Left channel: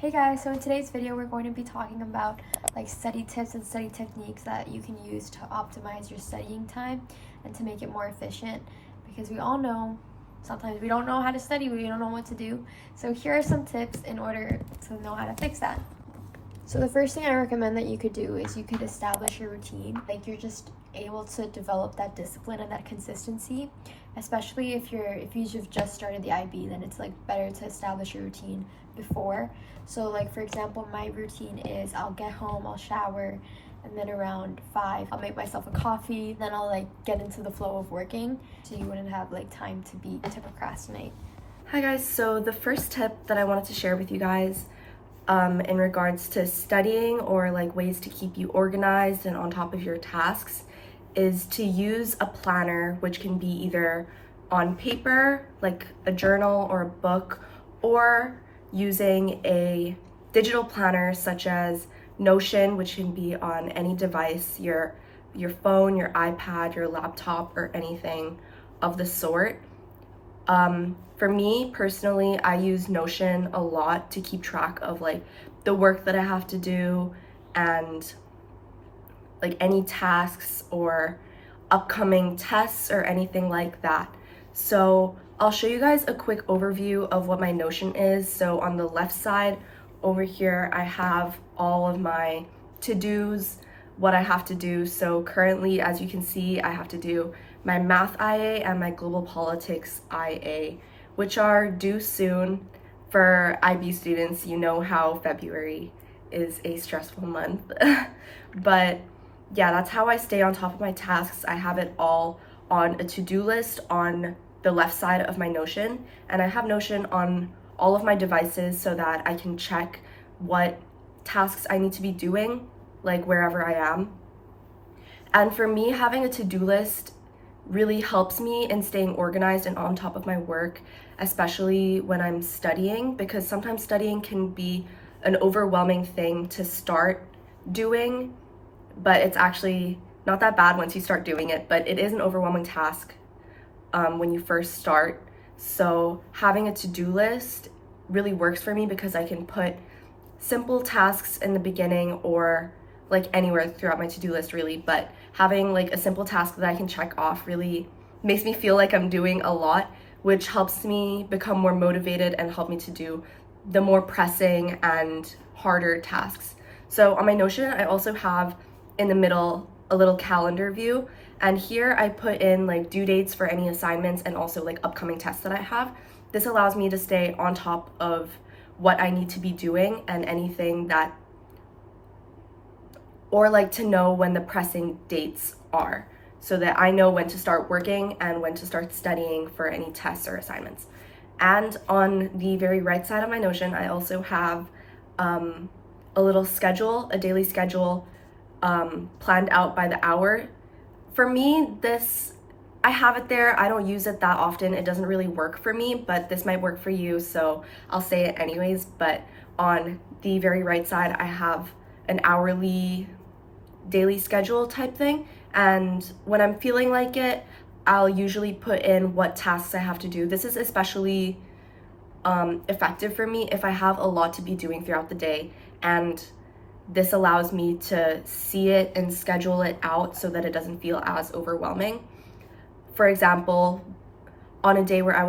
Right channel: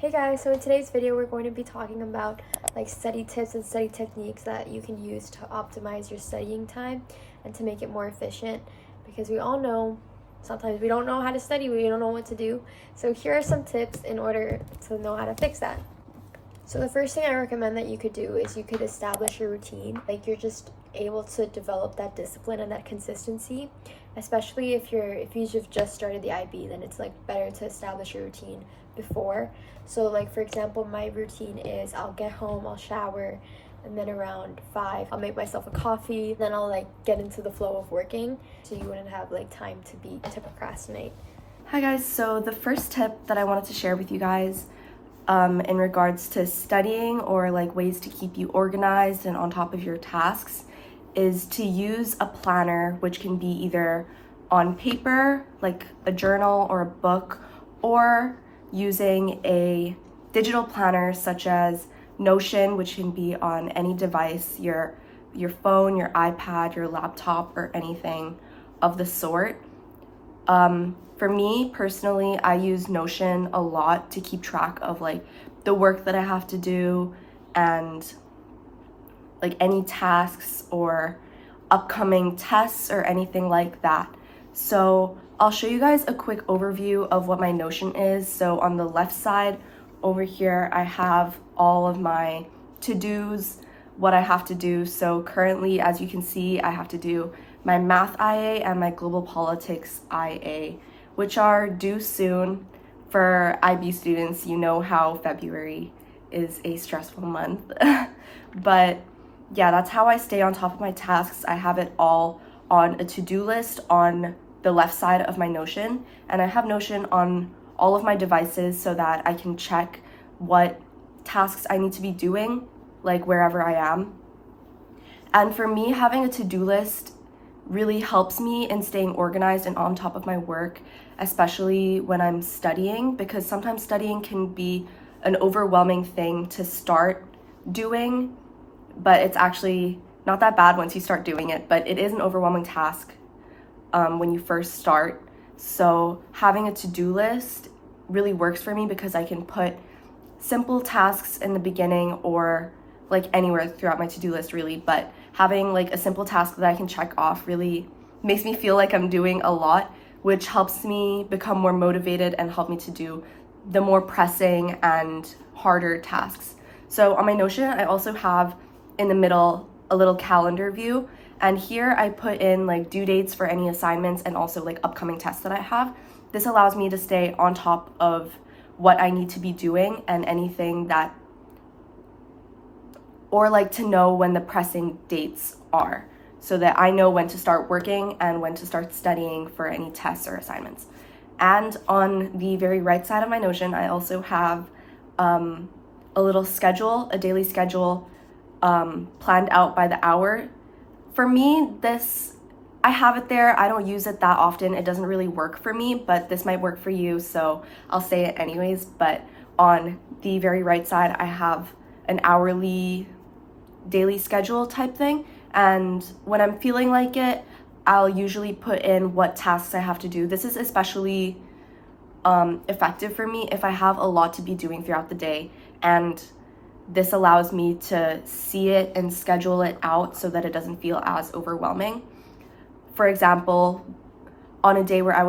Hey guys, so in today's video we're going to be talking about like study tips and study techniques that you can use to optimize your studying time and to make it more efficient, because we all know sometimes we don't know how to study, we don't know what to do. So here are some tips in order to know how to fix that. So the first thing I recommend that you could do is you could establish a routine. Like, you're just able to develop that discipline and that consistency, especially if you've just started the IB. Then it's like better to establish a routine before. So like, for example, my routine is I'll get home, I'll shower, and then around 5 I'll make myself a coffee, then I'll like get into the flow of working, so you wouldn't have like time to procrastinate. Hi guys, so the first tip that I wanted to share with you guys in regards to studying, or like ways to keep you organized and on top of your tasks, is to use a planner, which can be either on paper, like a journal or a book, or using a digital planner such as Notion, which can be on any device, your phone, your iPad, your laptop, or anything of the sort. For me personally, I use Notion a lot to keep track of like the work that I have to do and like any tasks or upcoming tests or anything like that. So I'll show you guys a quick overview of what my Notion is. So on the left side over here, I have all of my to-dos, what I have to do. So currently, as you can see, I have to do my math IA and my global politics IA, which are due soon. For IB students, you know how February is a stressful month. But yeah, that's how I stay on top of my tasks. I have it all on a to-do list on the left side of my Notion, and I have Notion on all of my devices so that I can check what tasks I need to be doing, like wherever I am. And for me, having a to-do list really helps me in staying organized and on top of my work, especially when I'm studying, because sometimes studying can be an overwhelming thing to start doing, but it's actually not that bad once you start doing it, but it is an overwhelming task when you first start. So having a to-do list really works for me because I can put simple tasks in the beginning, or like anywhere throughout my to-do list really, but having like a simple task that I can check off really makes me feel like I'm doing a lot, which helps me become more motivated and help me to do the more pressing and harder tasks. So on my Notion, I also have in the middle a little calendar view, and here I put in like due dates for any assignments and also like upcoming tests that I have. This allows me to stay on top of what I need to be doing and anything that, or like to know when the pressing dates are, so that I know when to start working and when to start studying for any tests or assignments. And on the very right side of my Notion, I also have a little schedule, a daily schedule planned out by the hour. For me, I have it there. I don't use it that often. It doesn't really work for me, but this might work for you, so I'll say it anyways. But on the very right side, I have an hourly daily schedule type thing, and when I'm feeling like it, I'll usually put in what tasks I have to do. This is especially effective for me if I have a lot to be doing throughout the day, and this allows me to see it and schedule it out so that it doesn't feel as overwhelming. For example, on a day where I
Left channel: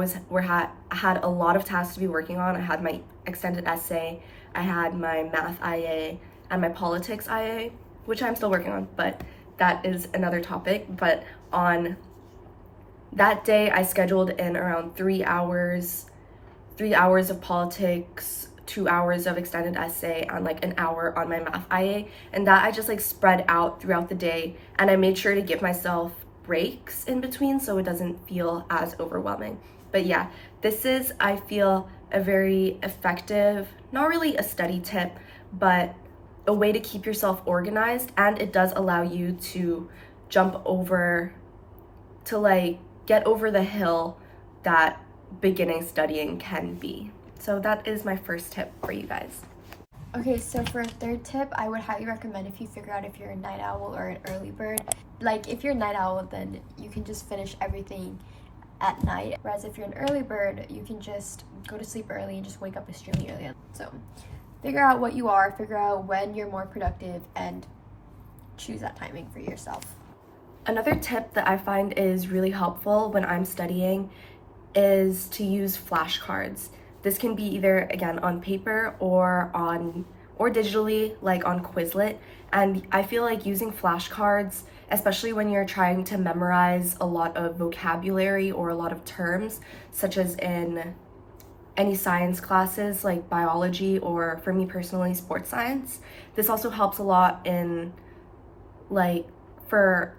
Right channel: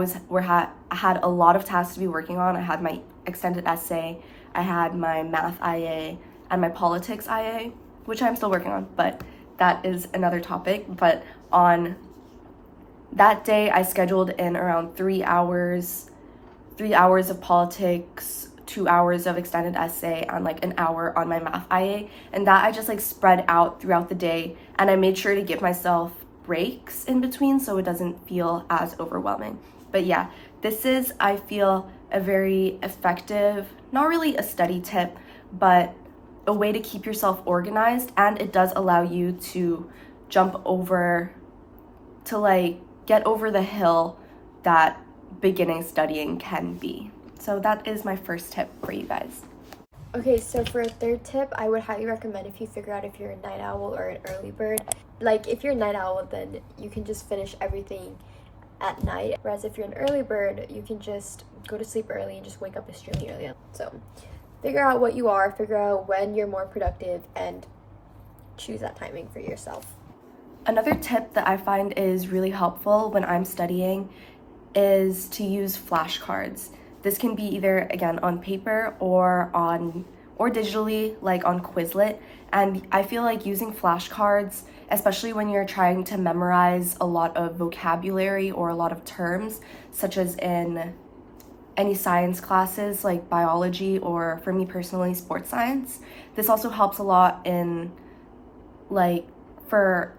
had a lot of tasks to be working on, I had my extended essay, I had my math IA, and my politics IA, which I'm still working on, but that is another topic. But on that day, I scheduled in around 3 hours of politics, 2 hours of extended essay, and like an hour on my math IA, and that I just like spread out throughout the day, and I made sure to give myself breaks in between so it doesn't feel as overwhelming. But yeah, this is, I feel, a very effective, not really a study tip, but a way to keep yourself organized, and it does allow you to get over the hill that beginning studying can be. So that is my first tip for you guys. Okay, so for a third tip, I would highly recommend, if you figure out if you're a night owl or an early bird. Like, if you're a night owl, then you can just finish everything at night, whereas if you're an early bird, you can just go to sleep early and just wake up extremely early. So figure out what you are, figure out when you're more productive, and choose that timing for yourself. Another tip that I find is really helpful when I'm studying is to use flashcards. This can be either, again, on paper or digitally, like on Quizlet. And I feel like using flashcards, especially when you're trying to memorize a lot of vocabulary or a lot of terms, such as in any science classes like biology, or for me personally, sports science. This also helps a lot in like for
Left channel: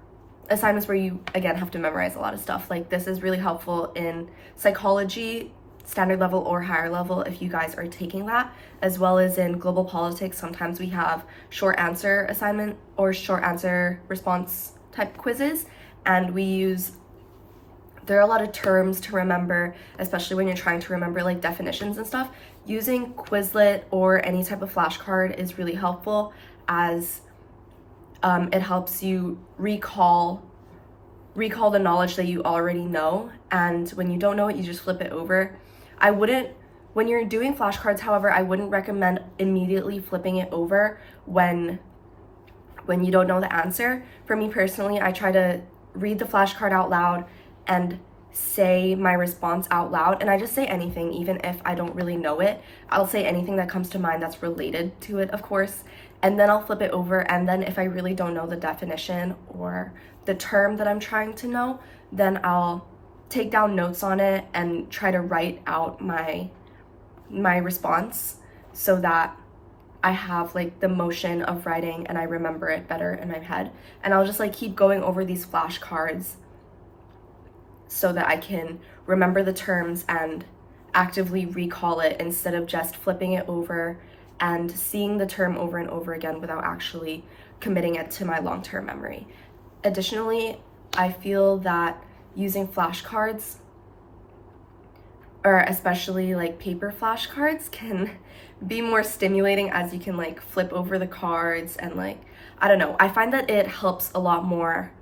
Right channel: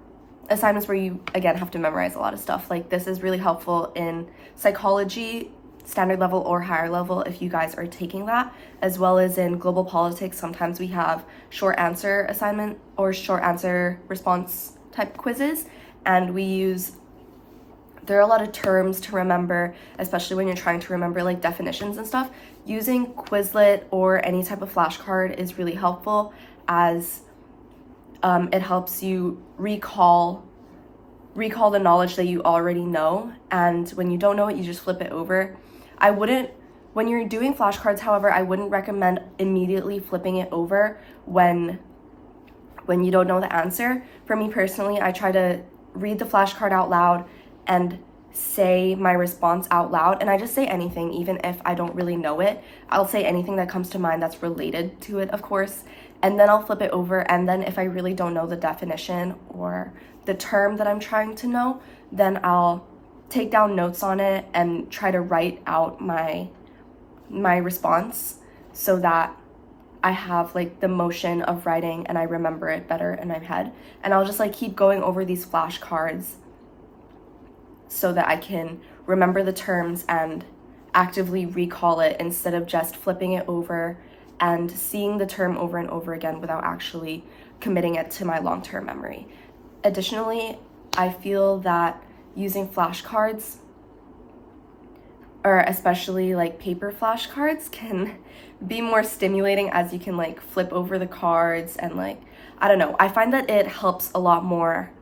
assignments where you, again, have to memorize a lot of stuff. Like this is really helpful in psychology, standard level or higher level, if you guys are taking that, as well as in global politics. Sometimes we have short answer assignment or short answer response type quizzes, and there are a lot of terms to remember, especially when you're trying to remember like definitions and stuff. Using Quizlet or any type of flashcard is really helpful, as it helps you recall the knowledge that you already know, and when you don't know it, you just flip it over. When you're doing flashcards, however, I wouldn't recommend immediately flipping it over when you don't know the answer. For me personally, I try to read the flashcard out loud and say my response out loud, and I just say anything, even if I don't really know it. I'll say anything that comes to mind that's related to it, of course, and then I'll flip it over, and then if I really don't know the definition or the term that I'm trying to know, then I'll take down notes on it and try to write out my response so that I have like the motion of writing and I remember it better in my head. And I'll just like keep going over these flashcards so that I can remember the terms and actively recall it, instead of just flipping it over and seeing the term over and over again without actually committing it to my long-term memory. Additionally, I feel that using flashcards, or especially like paper flashcards, can be more stimulating, as you can like flip over the cards and like, I don't know, I find that it helps a lot more,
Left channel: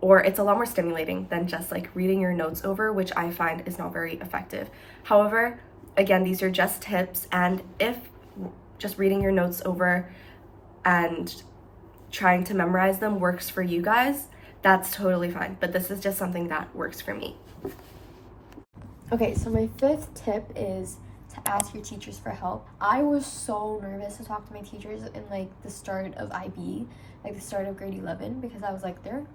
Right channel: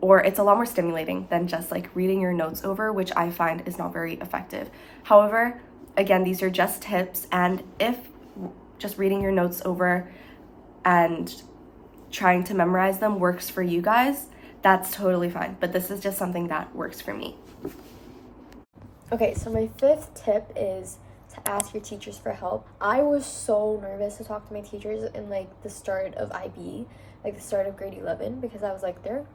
or it's a lot more stimulating than just like reading your notes over, which I find is not very effective. However, again, these are just tips, and if just reading your notes over and trying to memorize them works for you guys, that's totally fine. But this is just something that works for me. Okay, so my fifth tip is to ask your teachers for help. I was so nervous to talk to my teachers in like the start of IB, like the start of grade 11, because I was like, they're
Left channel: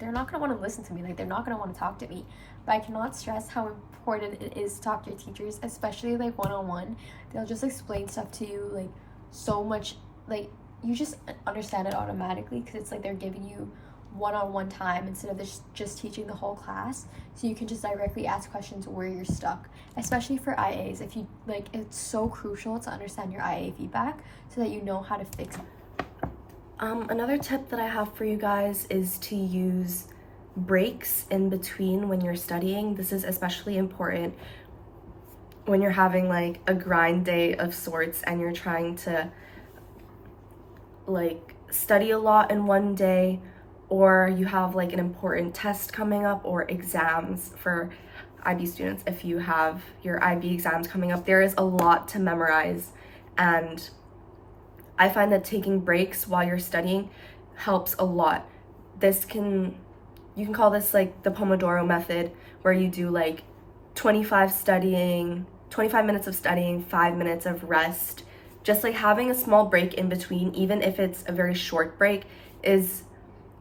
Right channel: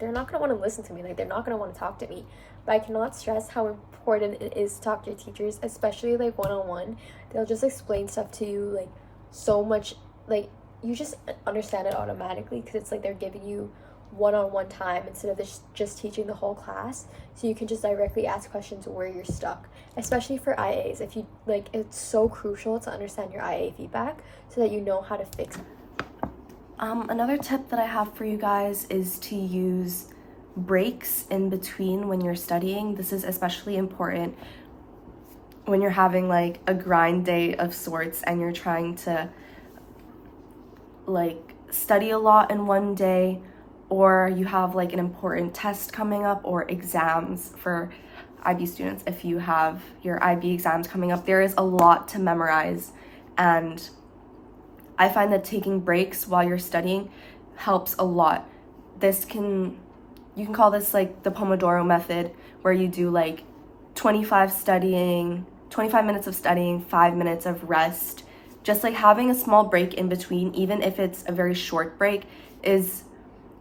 not gonna want to listen to me, like they're not gonna want to talk to me. But I cannot stress how important it is to talk to your teachers, especially like one-on-one. They'll just explain stuff to you like so much, like you just understand it automatically, because it's like they're giving you one-on-one time instead of just teaching the whole class, so you can just directly ask questions where you're stuck, especially for IAs. If you like, it's so crucial to understand your IA feedback so that you know how to fix it. Another tip that I have for you guys is to use breaks in between when you're studying. This is especially important when you're having like a grind day of sorts and you're trying to like study a lot in one day, or you have like an important test coming up, or exams for IB students. If you have your IB exams coming up, there is a lot to memorize, and I find that taking breaks while you're studying helps a lot. You can call this like the Pomodoro method, where you do like 25 minutes of studying, 5 minutes of rest. Just like having a small break in between, even if it's a very short break, is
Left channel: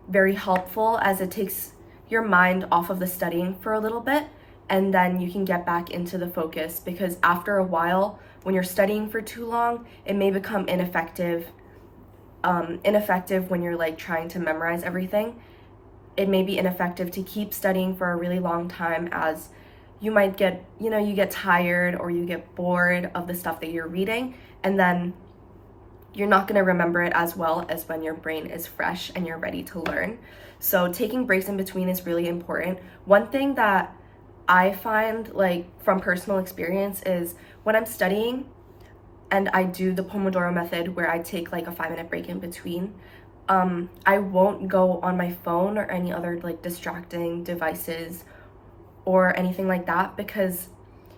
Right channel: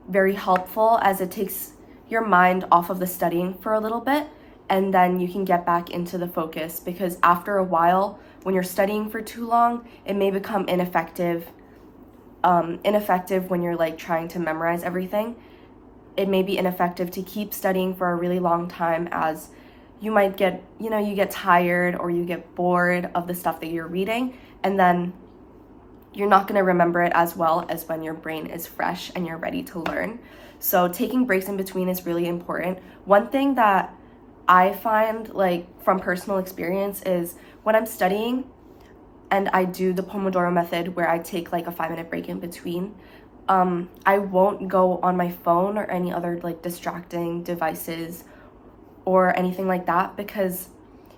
very helpful, as it takes your mind off of the studying for a little bit, and then you can get back into the focus, because after a while, when you're studying for too long, it may become ineffective when you're like trying to memorize everything. It may be ineffective to keep studying for a really long time, as you might get, you get tired or you get bored of the stuff that you're reading, and then you're not going to remember it as well as when your brain is fresh and you're ready to learn. So taking breaks in between is really important. One thing that I find, like from personal experience, is when I'm studying and I do the Pomodoro method, where I take like a 5-minute break in between, I won't go on my phone or any other like distracting devices or anything like that, because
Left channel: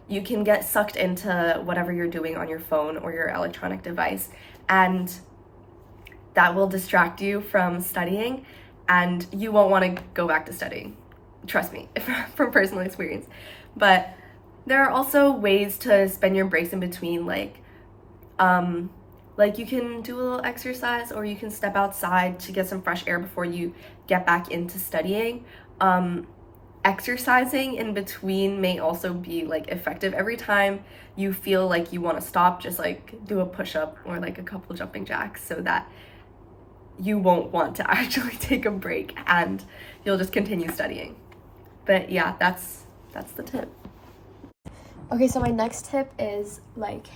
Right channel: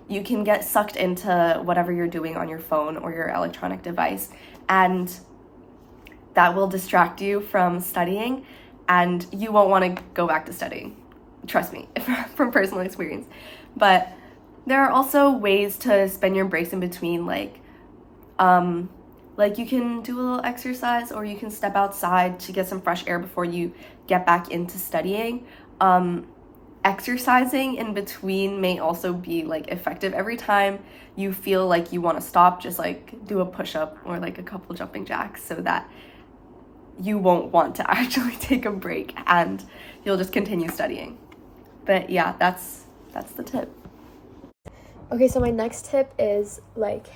you can get sucked into whatever you're doing on your phone or your electronic device, and that will distract you from studying, and you won't want to go back to studying. Trust me, from personal experience. But there are also ways to spend your breaks in between, like you can do a little exercise, or you can step outside to get some fresh air before you get back into studying. Exercising in between may also be like effective. Every time you feel like you want to stop, just like do a push-up or like a couple jumping jacks, so that you won't want to actually take a break and you'll just continue studying. But yeah, that's the tip. Okay, so my next tip is like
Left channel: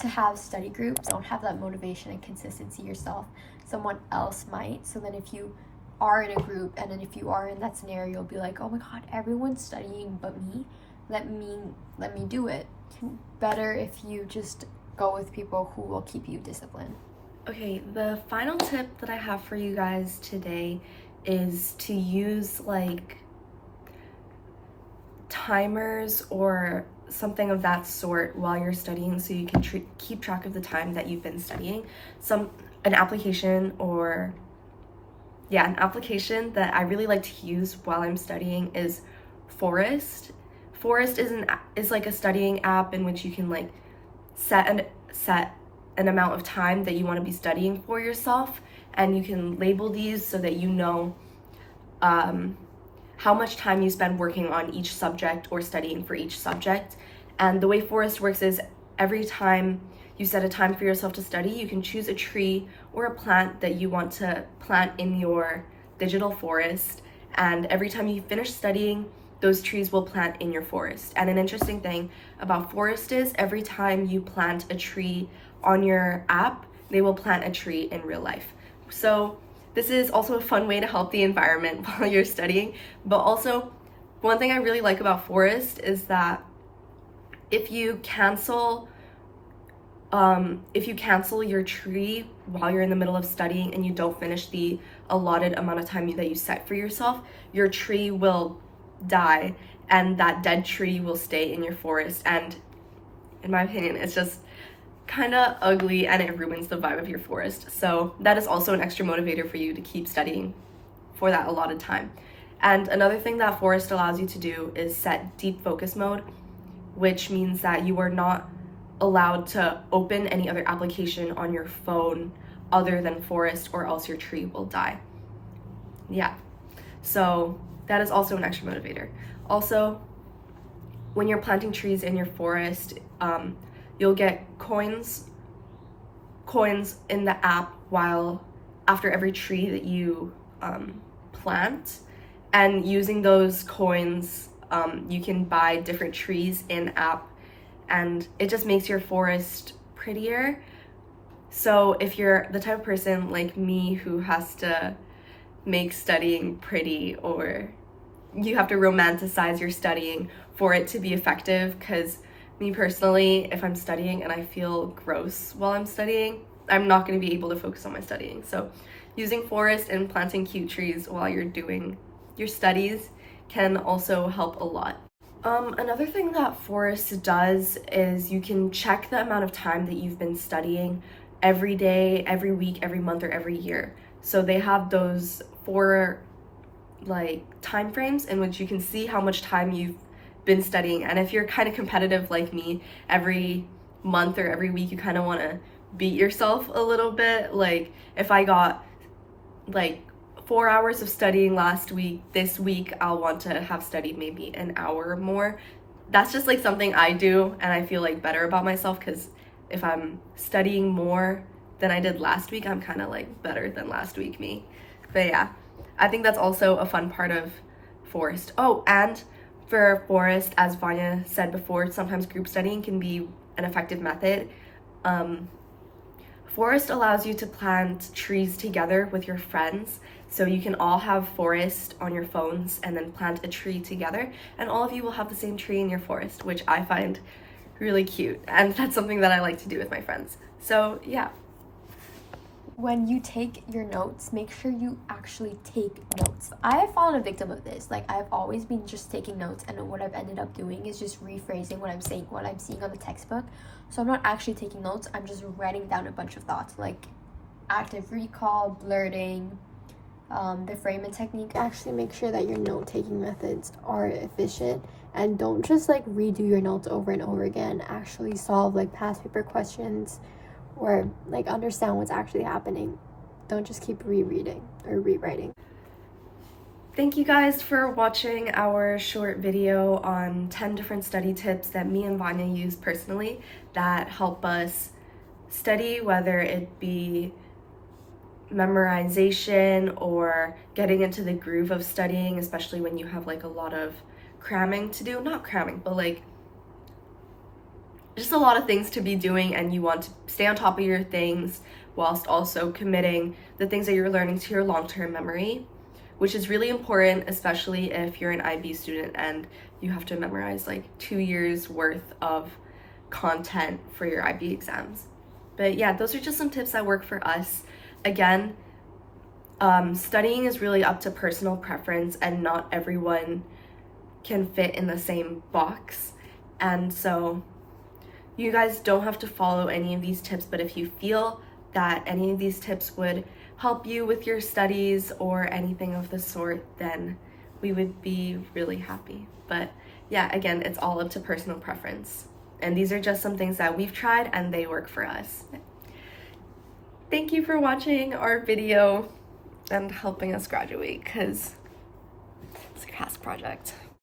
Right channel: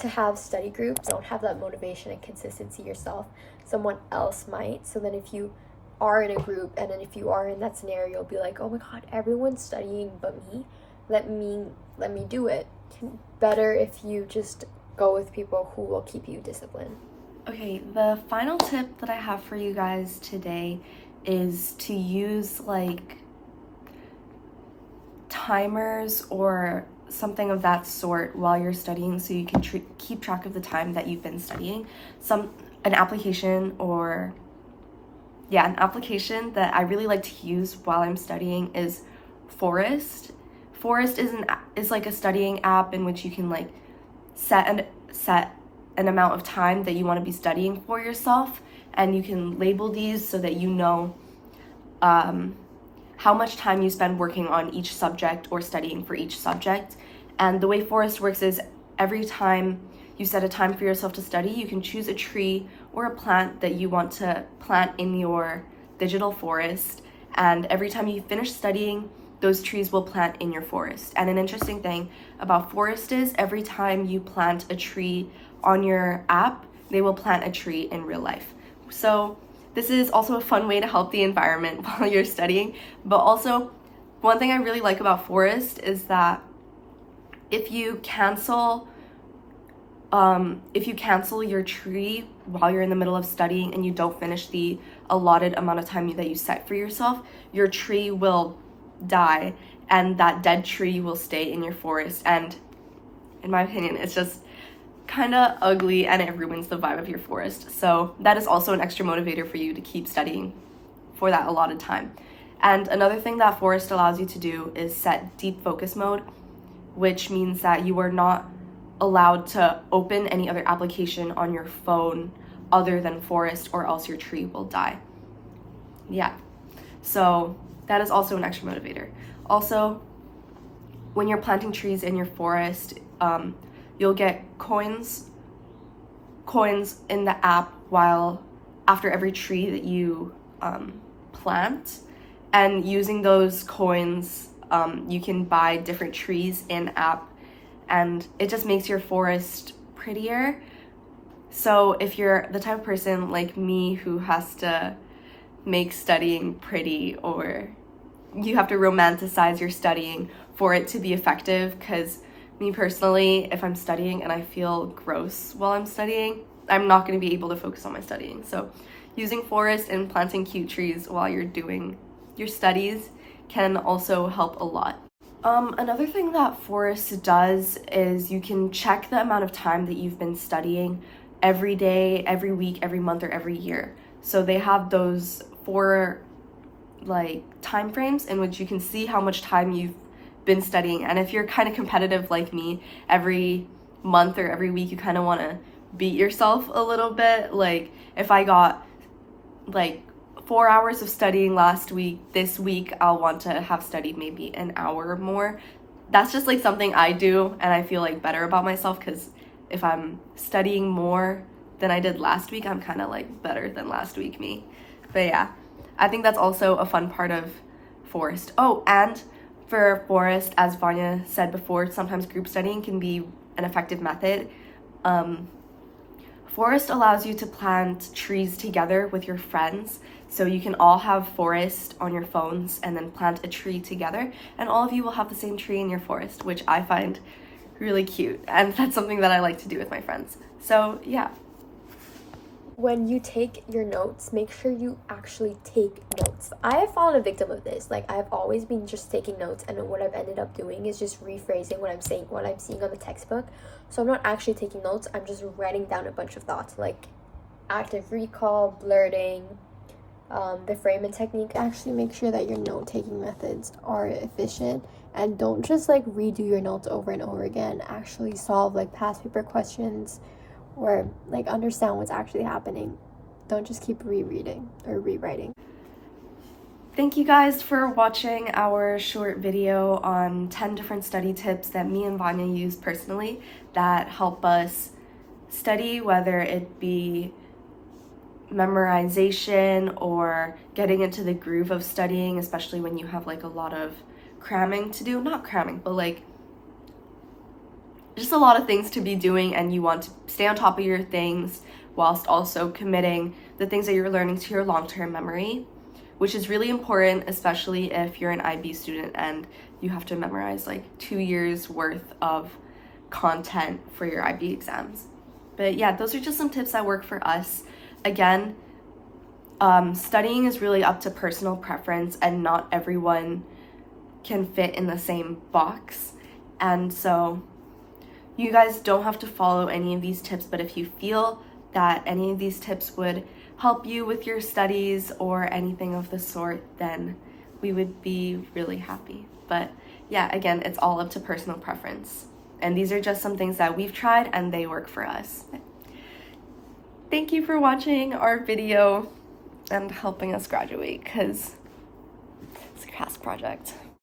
to have study groups. Don't have that motivation and consistency yourself. Someone else might. So then if you are in a group, and then if you are in that scenario, you'll be like, oh my god, everyone's studying but me. Let me do it. Better if you just go with people who will keep you disciplined. Okay, the final tip that I have for you guys today is to use like timers or something of that sort while you're studying, so you can keep track of the time that you've been studying. An application that I really like to use while I'm studying is Forest. Forest is like a studying app in which you can like set an amount of time that you want to be studying for yourself, and you can label these so that you know how much time you spend working on each subject or studying for each subject. And the way Forest works is every time you set a time for yourself to study, you can choose a tree or a plant that you want to plant in your digital forest. And every time you finish studying, those trees will plant in your forest. And an interesting thing about Forest is every time you plant a tree on your app, they will plant a tree in real life. So this is also a fun way to help the environment while you're studying. But also, one thing I really like about Forest is that if you cancel your tree while you're in the middle of studying and you don't finish the allotted amount of time that you set for yourself, your tree will die, and that dead tree will stay in your forest. And in my opinion, it's just kind of ugly and it ruins the vibe of your forest. So that is also an extra motivator for you to keep studying for that allotted time. And another thing that Forest allows you to do is set deep focus mode, which means that you are not allowed to open any other application on your phone other than Forest, or else your tree will die. Yeah, so that is also an extra motivator. Also, when you're planting trees in your forest, you'll get coins in the app after every tree that you plant, and using those coins, you can buy different trees in app, and it just makes your forest prettier. So if you're the type of person like me who has to make studying pretty, or you have to romanticize your studying for it to be effective, because me personally, if I'm studying and I feel gross while I'm studying, I'm not going to be able to focus on my studying. So using Forest and planting cute trees while you're doing your studies can also help a lot. Another thing that Forest does is you can check the amount of time that you've been studying every day, every week, every month, or every year. So they have those 4 like time frames in which you can see how much time you've been studying. And if you're kind of competitive like me, every month or every week you kind of want to beat yourself a little bit. Like if I got like 4 hours of studying last week, this week I'll want to have studied maybe an hour more. That's just like something I do, and I feel like better about myself, because if I'm studying more than I did last week, I'm kind of like better than last week me. But yeah, I think that's also a fun part of Forest. Oh, and for Forest, as Vanya said before, sometimes group studying can be an effective method. Forest allows you to plant trees together with your friends. So you can all have Forest on your phones and then plant a tree together, and all of you will have the same tree in your forest, which I find really cute. And that's something that I like to do with my friends. So yeah. when you take your notes, make sure you actually take notes. I have fallen a victim of this. Like, I've always been just taking notes, and what I've ended up doing is just rephrasing what I'm saying, what I'm seeing on the textbook. So I'm not actually taking notes, I'm just writing down a bunch of thoughts, like active recall, blurting, the framing technique. Actually make sure that your note-taking methods are efficient, and don't just like redo your notes over and over again. Actually solve like past paper questions, or like understand what's actually happening. Don't just keep rereading or rewriting. Thank you guys for watching our short video on 10 different study tips that me and Vanya use personally that help us study, whether it be memorization or getting into the groove of studying, especially when you have like a lot of cramming to do. Not cramming, but like just a lot of things to be doing, and you want to stay on top of your things whilst also committing the things that you're learning to your long-term memory, which is really important, especially if you're an IB student and you have to memorize like 2 years worth of content for your IB exams. But yeah, those are just some tips that work for us. Again, studying is really up to personal preference, and not everyone can fit in the same box. And so you guys don't have to follow any of these tips, but if you feel that any of these tips would help you with your studies or anything of the sort, then we would be really happy. But yeah, again, it's all up to personal preference. And these are just some things that we've tried and they work for us. Thank you for watching our video and helping us graduate, because it's a class project.